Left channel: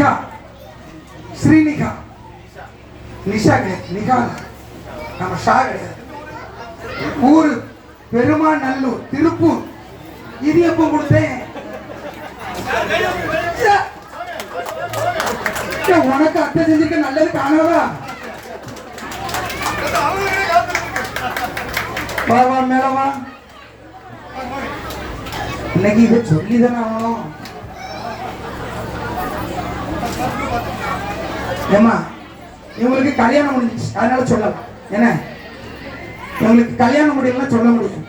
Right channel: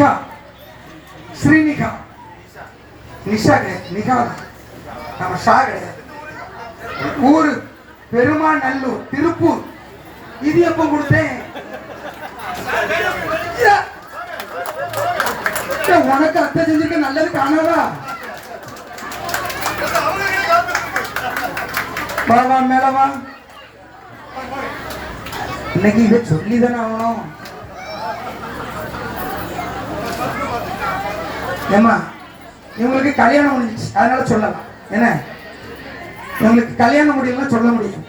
நிகா. ஸ்ரீநிகா. நிஷா கிடையாது நிகா. நம்ம ஷா கிடையாது ஊர் ஊரு பெருமாநல்லூர் திருப்பூர். இது எப்ப கொடுத்தேன்? உனக்கு அத்தை செஞ்சிருக்க நல்லது காணாதா? வா வா இன்னைக்கு இதை சொல்லிதானே? ஆகணும் ஏம்மா இவங்களுக்கு கல்யாணம் முடிஞ்சிச்சு. அதனால சொல்லலாம். என்ன? இவங்களுக்கு கல்யாணம் முடியலன்னா சொல்ல முடியும்.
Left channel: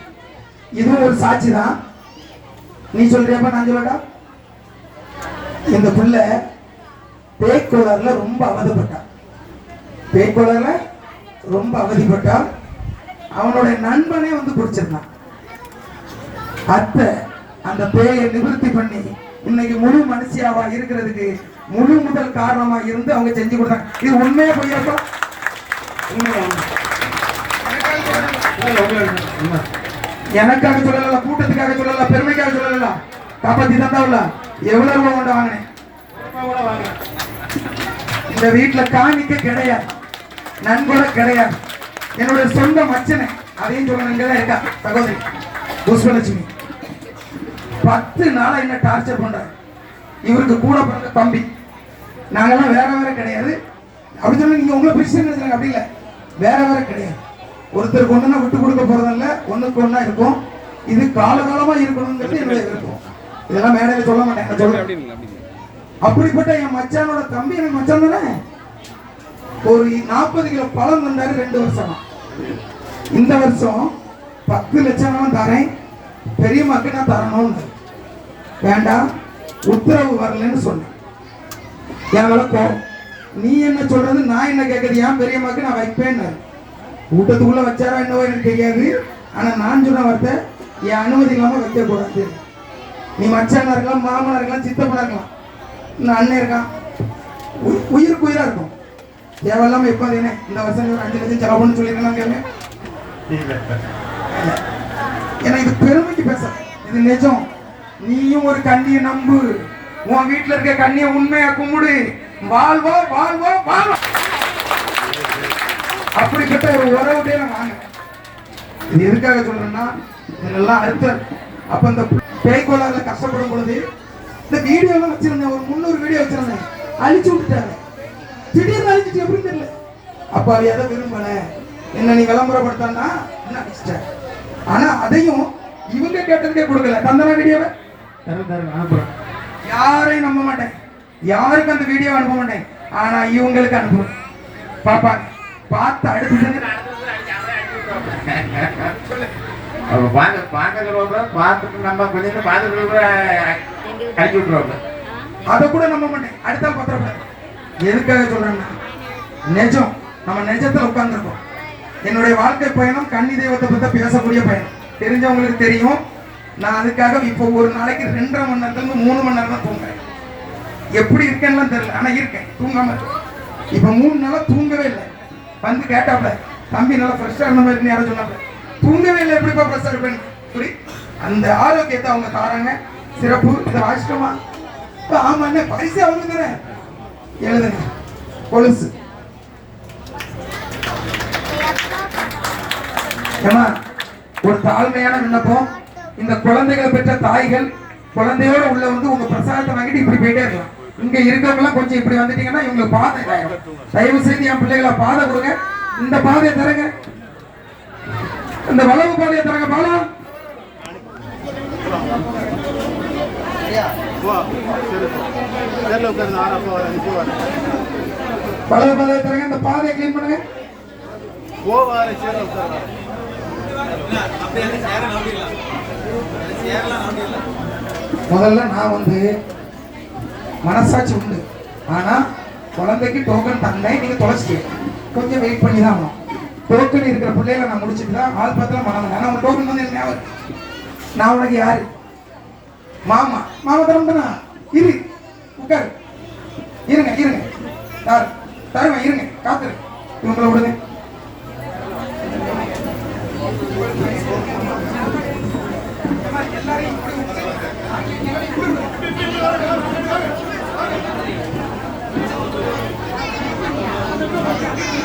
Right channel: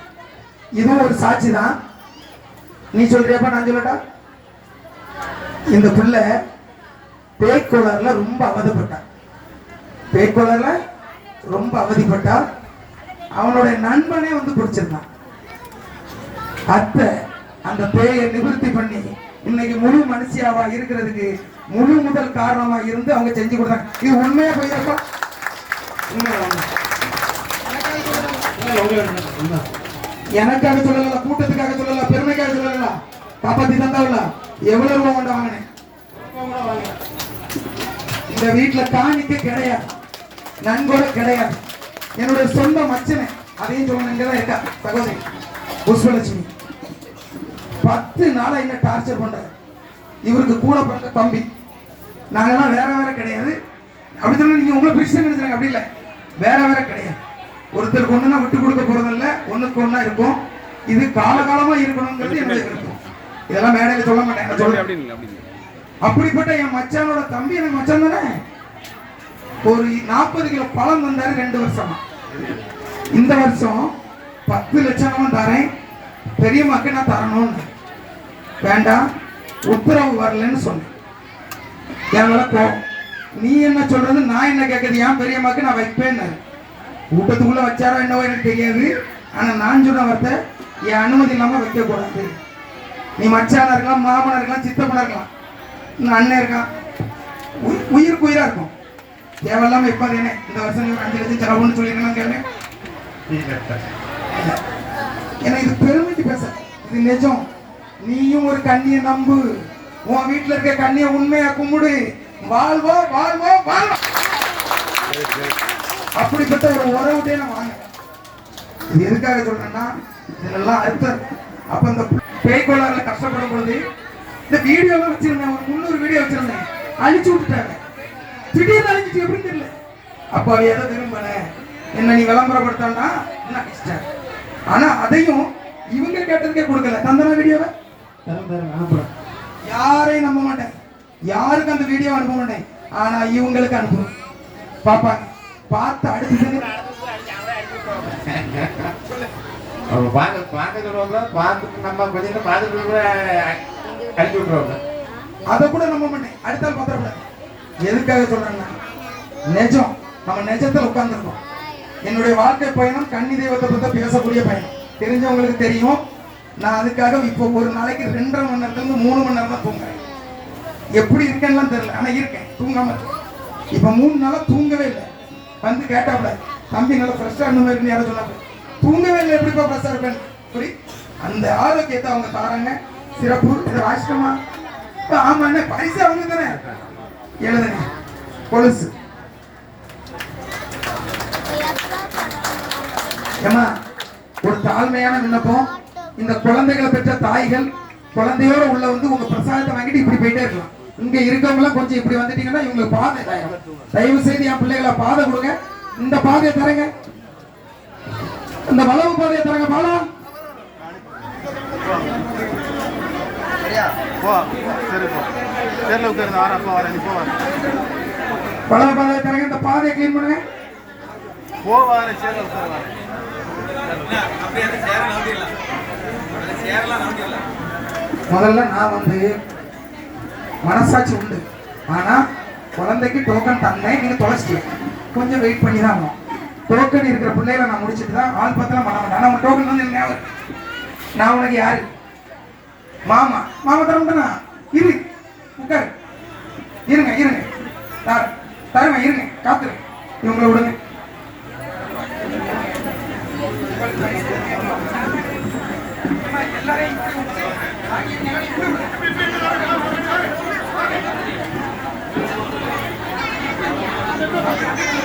இதுவும் ஒரு சாட்சி தான். நீ சொல்றியப்ப நான் சொல்லட்டா? இந்த பிள்ளை பேய்க்குளர்ல ரொம்ப அவதிப்பட்டா. பேய்க்குளர்ல ரொம்ப அவதிப்பட்டா. அவனுடைய நண்பனே வந்து குடிச்சிருந்தான். அத்தை அந்த பேயை நிவர்த்தி பண்ணி இன்னைக்கு முழு மனுஷியாவா இருக்கிறதுக்கு முழு முதல் காரணமா இருந்து அவங்க செஞ்சு கொடுத்தாங்க. இது உண்மையா போயிருக்கா எனக்காக சொல்லல கூட்டத்துக்காக சொல்லல பெருமைக்காக சொல்லல காப்பாத்தி தந்தாவில்ல எவ்வளவு ரூபா கொண்டு வாங்கினேன்? இந்த வீட்டுல காணிக்க கிடையாது. நண்பர கிடையாது. என்னுடைய சொந்த மச்சனை அதையும் சொல்லணும் இருக்கா? சகோதரி புஷ்பலட்சுமி. பத்து நாளா என்ன டார்ச்சர் பண்றாரு? இவருக்கு கூட பிறந்த தம்பி. நாங்கெல்லாம் வேற வேற கிடையாது. அப்படி சொன்னா நீங்க உங்களை பிரிச்சு நினைச்சாங்க அப்படி இல்ல. வேற வேற கிடையாது. ஒருத்தருக்கு ஒண்ணுனா விட்டு கொடுக்க போறதில்ல. ஒண்ணுக்கு ஒண்ணா இருக்கும். இது காலகாலமா இருக்கணுங்கிறது என்னுடைய விருப்பம். இதெல்லாம் மேடையில சொல்ல மாட்டேன். சொல்றேன். அப்படிப்பட்ட என் மச்சானோட தம்பி என் மச்சான் தானே? ஒரு நாற்பது கிலோ பழம் தந்தாரு ரெண்டு வருஷமா. இந்த வருஷம் பத்து லட்சம் தரேன். பெரியம்மாக்கு நான் தரணும்னு. வேண்டாம் உத்தரவு வரலன்னு சொன்னேன். என்னால கோவம் நீ என்ன சொல்றது நான் என்ன கேட்கறது ஏன் பெரியம்மாக்கு நான் வைப்பேன்னு? கூட்டத்துக்குள்ள வச்சாரோ என்னவோ எனக்கு தெரியாது. ஆனா நான் சொன்ன வார்த்தை என் அனுமதி இல்லாம வைக்க கூடாது நீ மச்சானா இருக்கலாம் மாமனா இருக்கலாம் சித்தப்பனா இருக்கலாம். இன்னும் அண்ணன் இருக்கான். உயி- உயிருக்கு உயிரா இருக்கும். தேவையில்லாம அது என்ன இந்த வருஷம் நீ அஞ்சு லட்சம் செலவுன்னு சொல்லிருக்கலாம் கேளு ஏன்னா இது பெருமைக்கு பேச இது நிஜம். நீயும் ஒரு கண்ணிய நம்பு. உன் வீட்டுல இருக்க கண்ணிய உண்மையா கும்பிடு. வாழ்வோ வாழ்வோ வாழ்வோ. அப்படிப்பட்ட ஒரு உறவுட்டே நான் வாங்க. இது எதுக்காக சொல்றேன்னா இதெல்லாம் அர்த்தம் அப்ப அந்த பேய்கோளாறுல கஷ்டப்படும் பொழுது இந்த வீடியோ எல்லாம் வச்சிருந்தேன். ஒரு முந்நூறு வீடியோ வச்சிருந்தேன். அழிச்சு விட்டுட்டாங்க. திடீர்னு அழிச்சிட்டு எப்படின்னு தெரியல. அப்ப அவ எதை விரும்பல? என்ன நீ விளம்பரப்படுத்தாண்டா என்ன ஆனா அதையும் இவங்க கேட்டதுக்கே கொடுக்கல. தந்தன வீடியோவை? யாரையும் நம்ப மாட்டேன். யாருக்கும் அந்த வீடியோ அனுப்ப மாட்டேன். ஆனா இவங்களுக்கு அனுப்புவேன். பாப்பாங்க பார்த்து அடுத்தது அதை கூட நம்ப மாட்டேன். அடுத்த பத்திரப்பட. எதுக்காக சொல்றேன்னா நிஜம். நம்ம நிஜத்துல உட்கார்ந்துருக்கோம் என்னுடைய வாழ்க்கை பயணம் கன்னி தெய்வத்தை பத்தி பேசக்கூடிய பயணம். தெரிஞ்சவங்களுக்கு தெரியும். நான் அதுக்காக இப்போ ஒரு நாளைக்கு ரெண்டரை மணி நேரத்துல இருந்து மூணு மணி நேரம் தான் தூங்குறேன். எப்படி இருக்கேன்னுலாம் தெரியல. ஆனா இருக்கேன். தூங்காம இப்போ இப்ப மூணு நாளா தூங்கவே இல்லை. வந்து கேட்டாப்ல தம்பி நல்லா ஃப்ரெஷ்ஷா இருந்த மாதிரி யாரும் சொன்னாங்க தூங்கவே இல்லை. எப்படிப்பா ஃப்ரெஷ்ஷா இருப்பேன் புரி அந்த ஆரோக்கியத்தை அவங்க தாராங்க. சிறப்பு. இதை வாசிட்டோமா இப்ப ஆமா என்ன பரிசு அவங்க தானே எழுதுங்க. கொலுசு. ஏம்மா, ஒரு தாழ்மையான விண்ணப்பம். இந்த குழந்தைகளை பெற்ற தாய்கள் குழந்தையோட உள்ள வந்து உங்க பிரசாதத்தை வாங்கிட்டு இப்படி போயிட்டே இருக்கலாம். இங்க இருக்கவங்க கொஞ்சம் இப்படி வந்துட்டீங்கன்னா இவங்களுக்கு பாதை. தயவு செய்து என் பிள்ளைகளை பாதை கொடுங்க. இந்த பாதையை தரங்க இந்த வளவு பாதையை தரங்க பாலம் வளவு பாதையை தரங்க இந்த பாதையை கிளீன் பண்ணுங்க. முதல்ல நான் வந்து மனசாட்சி உண்டு. ஆனா குழந்தைக்கு டோக்கன் தந்தேன் நீங்க தொலைச்சிட்டீங்க கொஞ்சம் வெயிட் பண்ணி தான் ஆகணும். டோக்கன் இருக்கிற பிள்ளைகளை நான் முடிச்சுட்டு தான் ஆள் பத்திரம் பண்ண மாட்டேன் டோக்கன் வந்து ஞாபகம் நான் உனக்கு யாரு? மாமா. மாமா தரம்டனா இரு. உட்காரு. இருங்க இருங்க. தருவேன் இருங்க. காத்துருங்க இவங்களை விடுங்க. Thank you.